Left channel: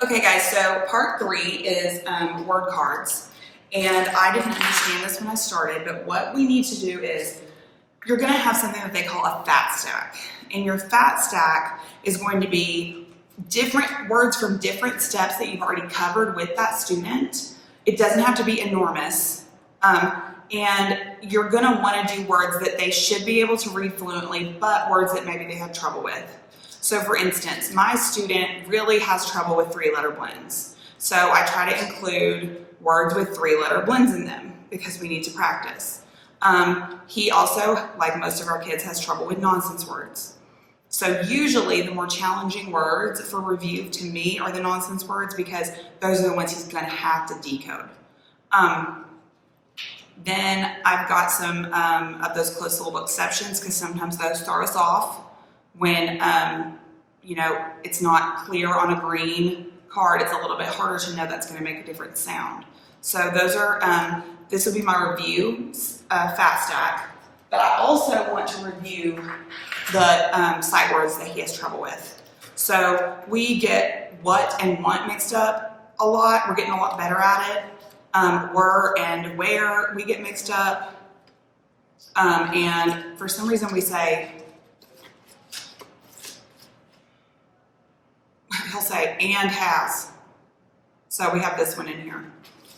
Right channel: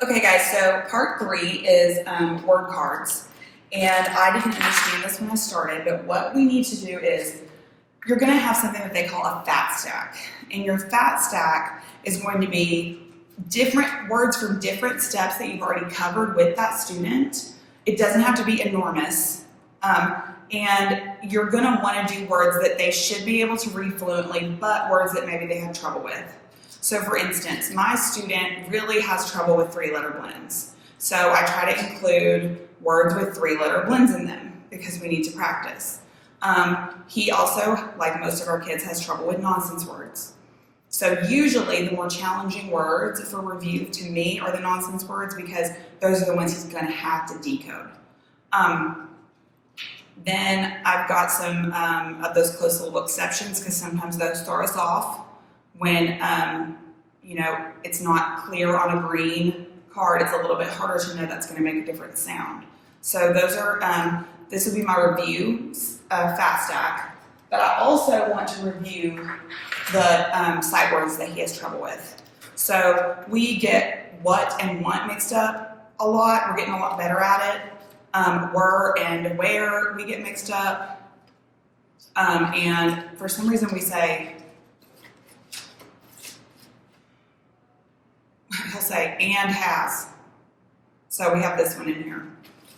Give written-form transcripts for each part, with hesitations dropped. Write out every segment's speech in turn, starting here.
Okay guys, so part 3 is word cards. And I didn't understand this when I started, but what we need to do is you're gonna have something that they call a fat stack. And your fat stack is going to be different words from different steps that you've already covered with that student. It doesn't have to be enormous. And you're gonna wanna do words that they should be able to read fluently, but words that maybe they have trouble with. So for instance, my student really has trouble with 3-letter blends. So I try to include words with 3-letter blends in them because we need to practice. He also, like most of our kids, has trouble with nonsense words. So usually the more challenging words for review to me are the nonsense words because those are the ones he's gonna have to decode. Then I've got some of those closed syllable exceptions because sometimes those throw us off when it's not clear on a green card. It's a little bit harder to know that's going to make a different sound. So those are, this will be my review fat stack, but I also want to review the sight words that he has trouble with. So we get what and want mixed up a lot. We're getting a lot better at it. Were and where we get mixed up. And for some reason we say, he'll say and has. So we have this one in here.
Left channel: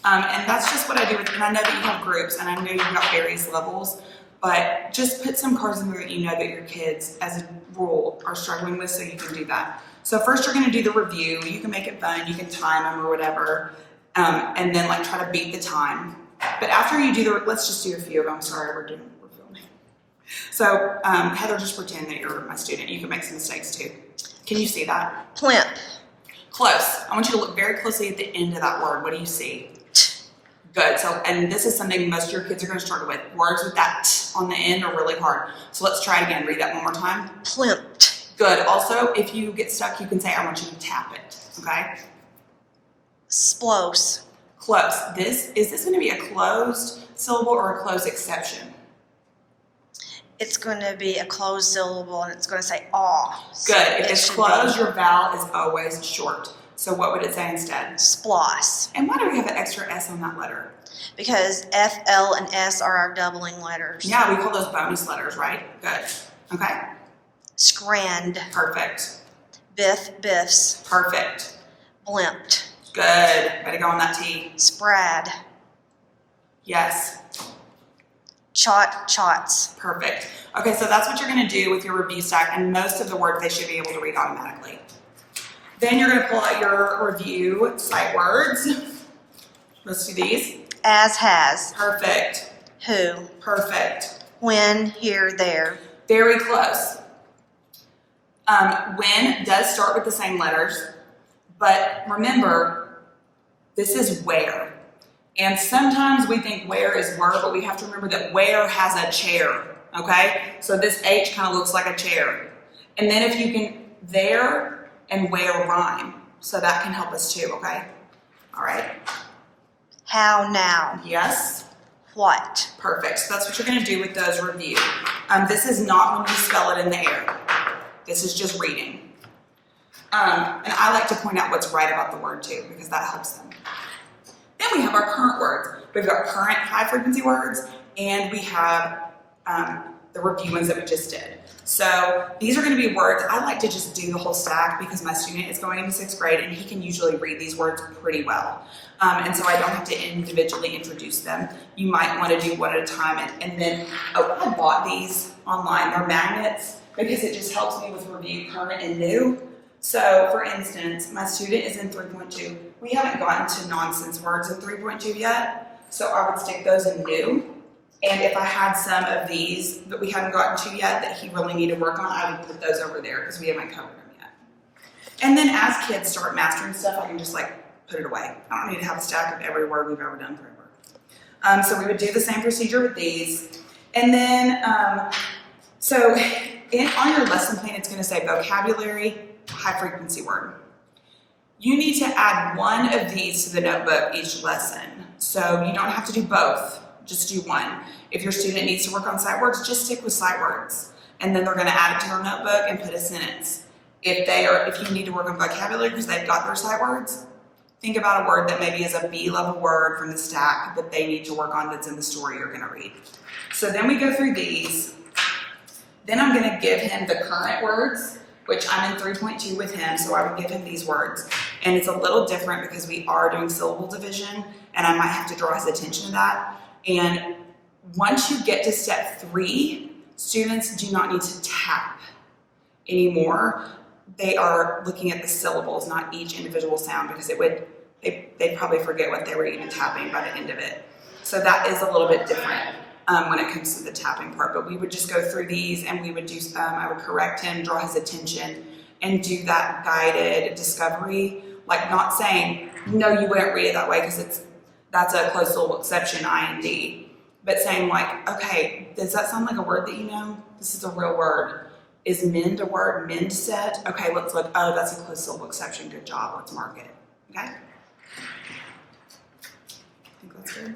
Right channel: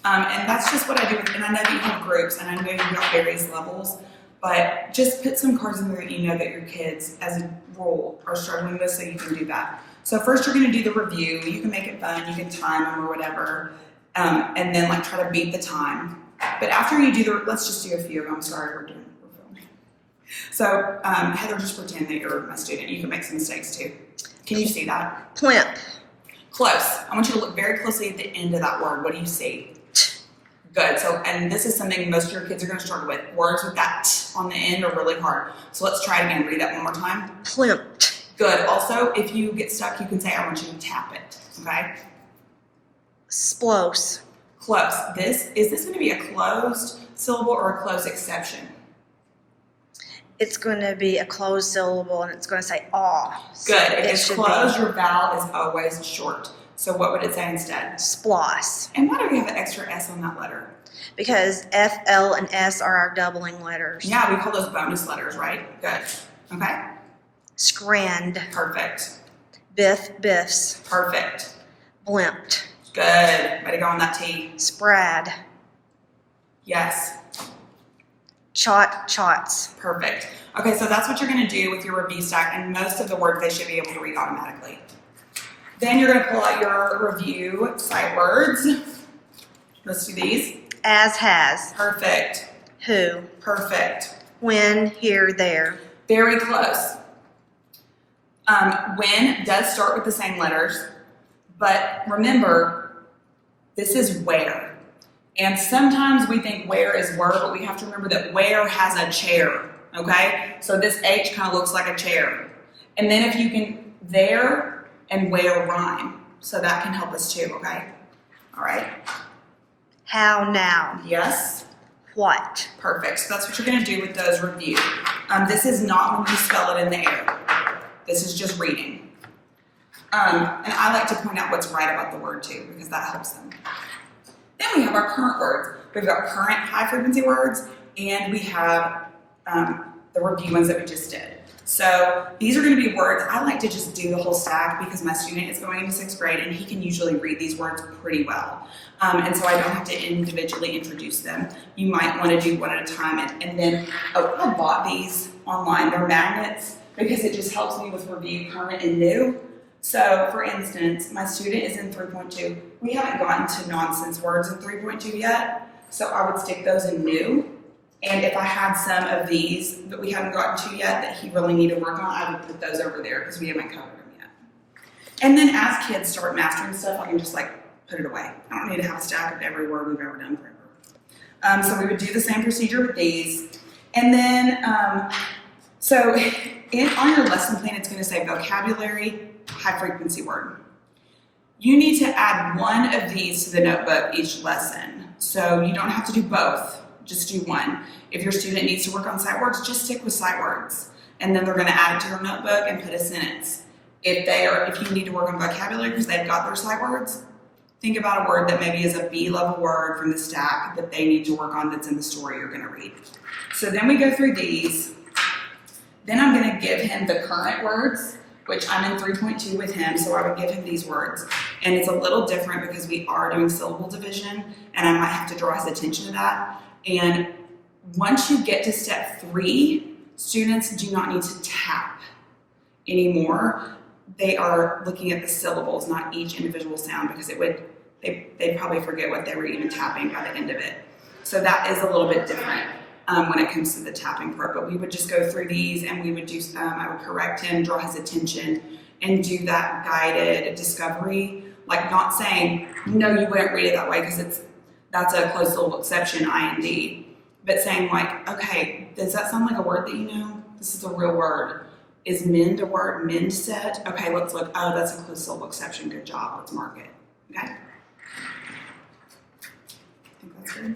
And that's just what I do with, and I know that you have groups and I know you've got various levels, but just put some cards in there that you know that your kids as a rule are struggling with so you can do that. So first you're gonna do the review. You can make it fun, you can time them or whatever, and then like try to beat the time. But after you do let's just do a few of them. Sorry, we're filming. So Heather, just pretend that you're my student. You can make some mistakes too. Can you see that? Plimp. Close. I want you to look very closely at the end of that word. What do you see? Good. So, and this is something most of your kids are going to struggle with. Words with that t on the end are really hard. So let's try it again. Read that one more time. Plimped. Good. Also, if you get stuck, you can say, I want you to tap it. Okay? Splose. Close. Is this going to be a closed syllable or a closed exception? It's going to be a closed syllable and it's going to say aw. Good. If it's closed, your vowel is always short. So what would it say instead? Sploss. And why do we have an extra S on that letter? Because F, L, and S are our doubling letters. Yeah, we call those bonus letters, right? Good. Okay. Scrand. Perfect. Biff, biffs. Perfect. Blimped. Good. Way to go on that T. Sprad. Yes. Chot, chots. Perfect. Okay, so that's what you're going to do with your review stack, and most of the words they should be able to read automatically. Then you're going to pull out your review sight words. Let's do these. As, has. Perfect. Who. Perfect. When, here, there. Very close. When does start with the same letters, but remember, this is where. And sometimes we think where is were, but we have to remember that where has a chair, okay? So this H kind of looks like a chair. And then if you can, there and where rhyme. So that can help us too, okay? All right. How, now. Yes. What. Perfect. So that's what you're gonna do with those review. This is not when you spell it in the air. This is just reading. And I like to point out what's right about the word too, because that helps them. Then we have our current words. We've got current high frequency words, and we have the review ones that we just did. So these are going to be words. I like to just do the whole stack because my student is going into 6th grade and he can usually read these words pretty well. And so I don't have to individually introduce them. You might want to do one at a time. And then, I bought these online. They're magnets because it just helps me with review current and new. So, for instance, my student is in 3.2. We haven't gotten to nonsense words in 3.2 yet, so I would stick those in new. And if I had some of these that we haven't gotten to yet that he really needed to work on, I would put those over there because we haven't covered them yet. And then as kids start mastering stuff, I can just like put it away. I don't need to have a stack of every word we've ever done forever. So we would do the same procedure with these. And then, on your lesson plan, it's going to say vocabulary, high frequency word. You need to add one of these to the notebook each lesson. So you don't have to do both, just do one. If your student needs to work on sight words, just stick with sight words. And then they're gonna add it to their notebook and put a sentence. If you need to work on vocabulary because they've got their sight words, think about a word that maybe is a B level word from the stack that they need to work on that's in the story you're gonna read. So then we go through these. Then I'm gonna give him the current words, which I'm in 3.2 with him, so I would give him these words. And it's a little different because we are doing syllable division, and I might have to draw his attention to that. And once you get to step 3, students do not need to tap anymore. They are looking at the syllables, not each individual sound, because they'd probably forget what they were even tapping by the end of it. So that is a little bit different when it comes to the tapping part. But we would just go through these, and we would do. I would correct him, draw his attention, and do that guided discovery. Like not saying no, you wouldn't read it that way because that's a closed syllable exception, IND. But saying like, okay, does that sound like a word that you know? This is a real word. Is mend a word? Mend set? Okay, let's look. Oh, that's a closed syllable exception. Good job. Let's mark it. Okay. I think that's good.